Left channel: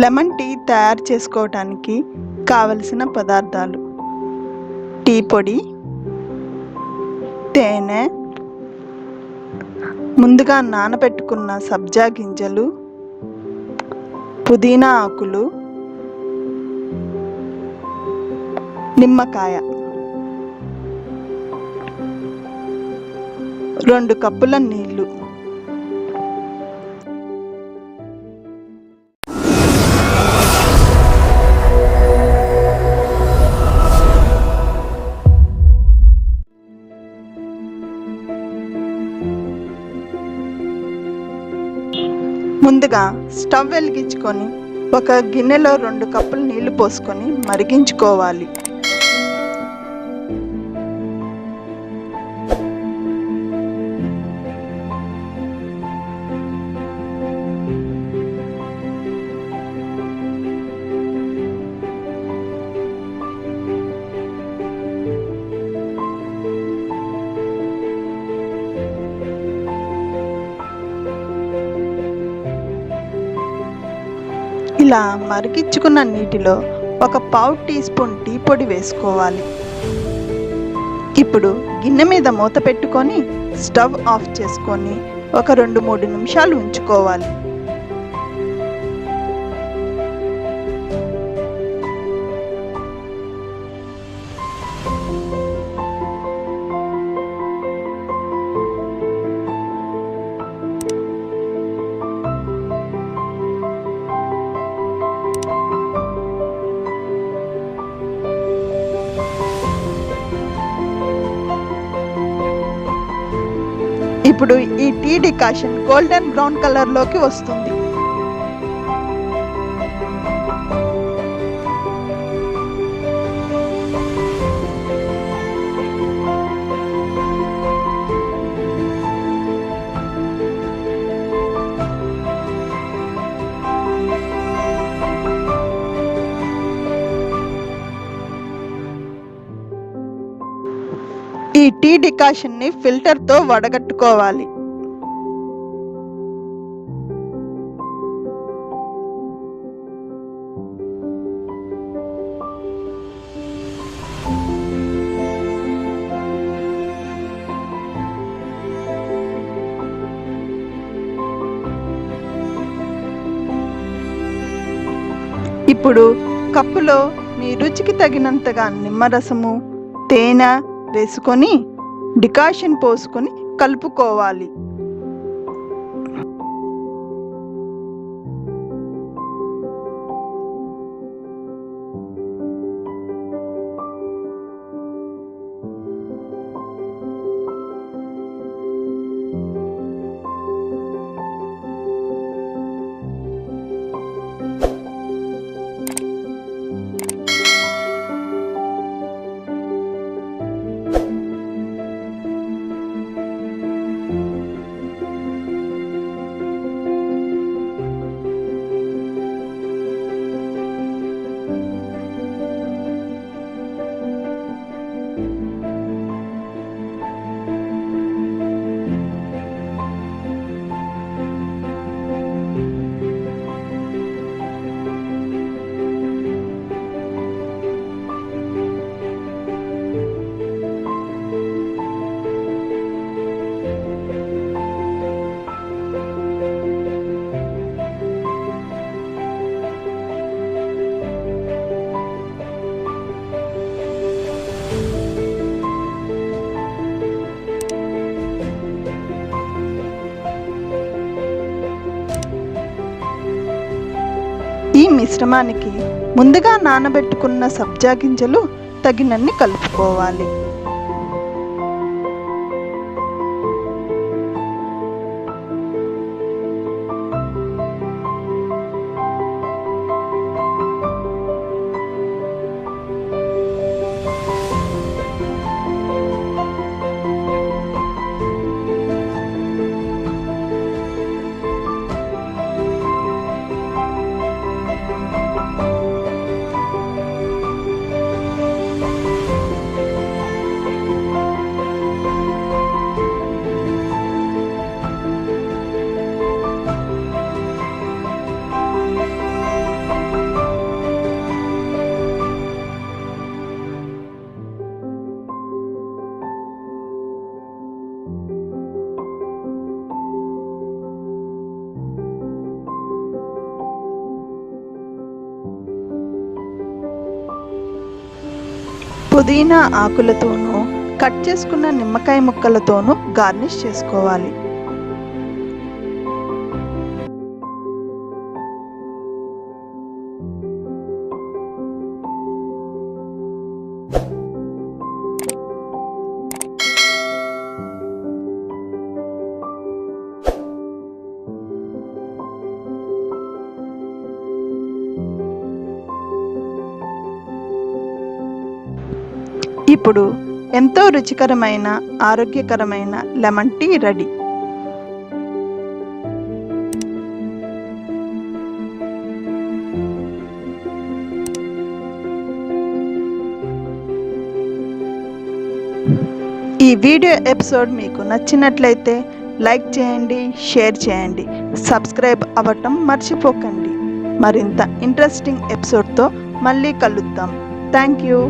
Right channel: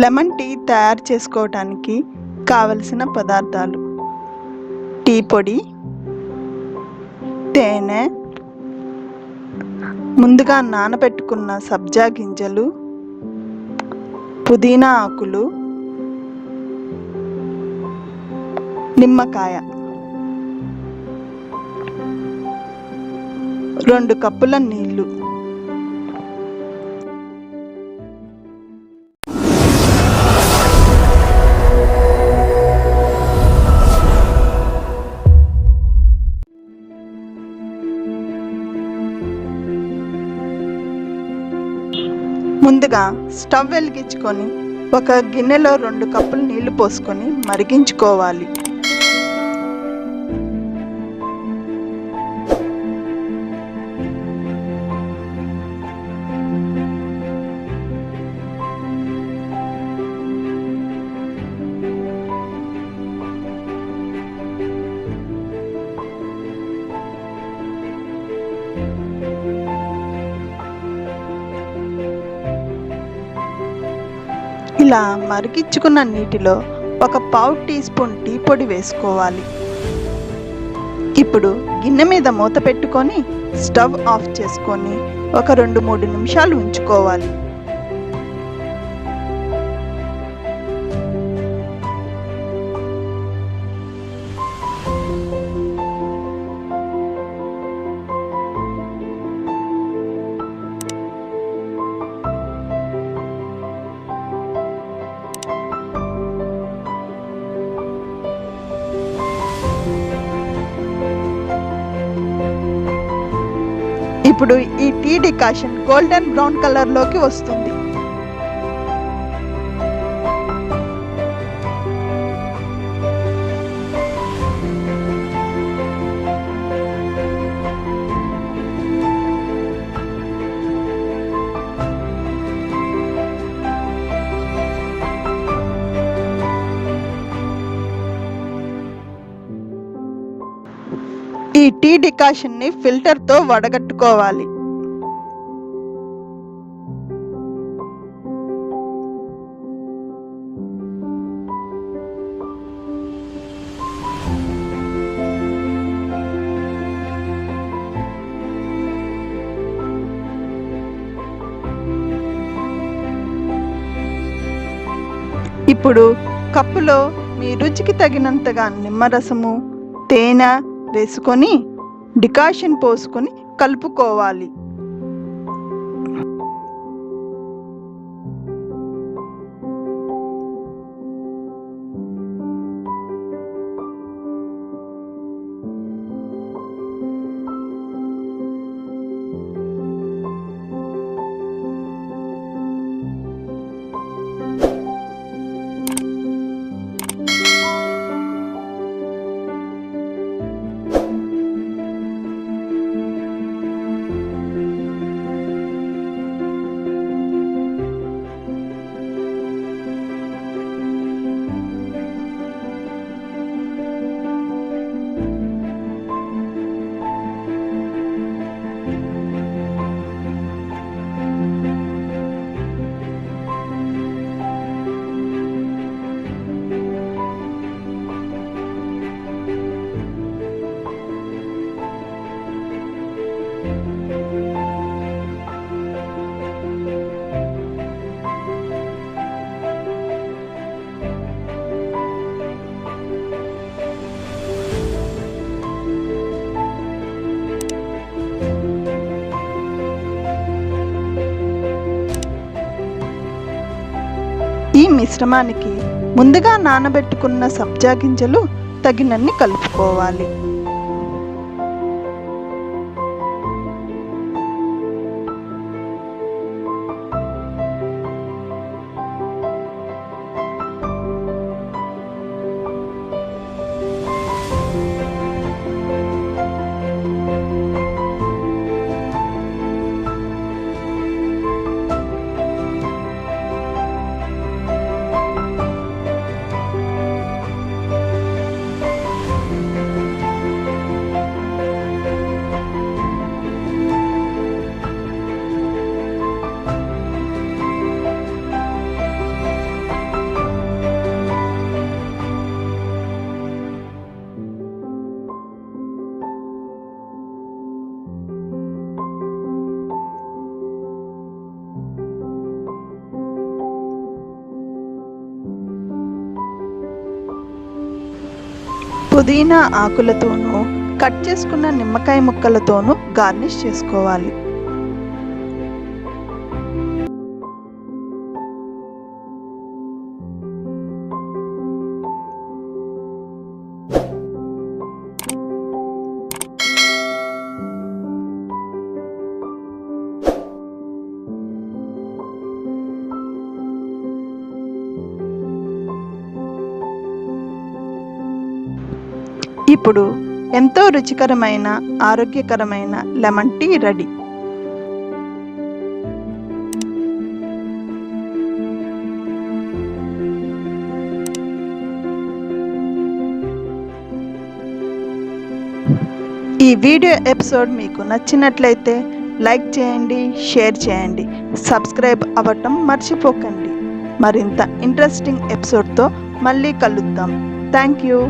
Lemon tea తయారు చేసుకోవడానికి కావలసిన పదార్థాలు: టీ పొడి, తేనె, ముందుగా నానబెట్టుకున్న సబ్జా గింజలు, పుదీనా ఆకులు, నిమ్మకాయ. 2 కప్పుల నీళ్ళు. ముందుగా స్టవ్ వెలిగించుకొని ఒక గిన్నెలో 2 కప్పులు నీళ్లు పోసుకొని మరిగించుకోవాలి. ఇలా మరిగించుకున్న నీటిలో ఒక పావు టీ స్పూన్ టీ పొడి వేసుకోవాలి. ఇప్పుడు గిన్నె మీద మూత పెట్టుకొని స్టవ్ ఆఫ్ చేసుకొని ఒక 2-3 నిమిషాలు ఉంచుకోవాలి. ఇప్పుడు ఈ టీ డికాషన్ గోల్డెన్ బ్రౌన్ కలర్లోకి వస్తుంది. ఈ టీ డికాషన్ని ఫిల్టర్తో వడగట్టుకోవాలి. ఇప్పుడు కప్పులో మీ రుచికి తగినంతగా నిమ్మరసము, తేనె వేసుకొని డికాషన్ పోసుకొని కలుపుకోవాలి. ఈ మిశ్రమానికి ముందుగా నానబెట్టుకున్న సబ్జా గింజలు తగినన్ని కలుపుకోవాలి. పుదీనా ఆకులతోనూ కట్ చేసుకున్న నిమ్మకాయ ముక్కలతోనూ గార్నిష్ చేసుకోవాలి. ఇప్పుడు ఎంతో రుచికరమైన ఆరోగ్యకరమైన లెమన్ టీ రెడీ. ఈ వీడియో ఎపిసోడ్ మీకు నచ్చినట్లయితే లైక్ చేయండి, షేర్ చేయండి, సబ్స్క్రైబ్ అవ్వటం మర్చిపోకండి. మరింత ఇంట్రెస్టింగ్ ఎపిసోడ్తో మళ్ళీ కలుద్దాం. Thank you.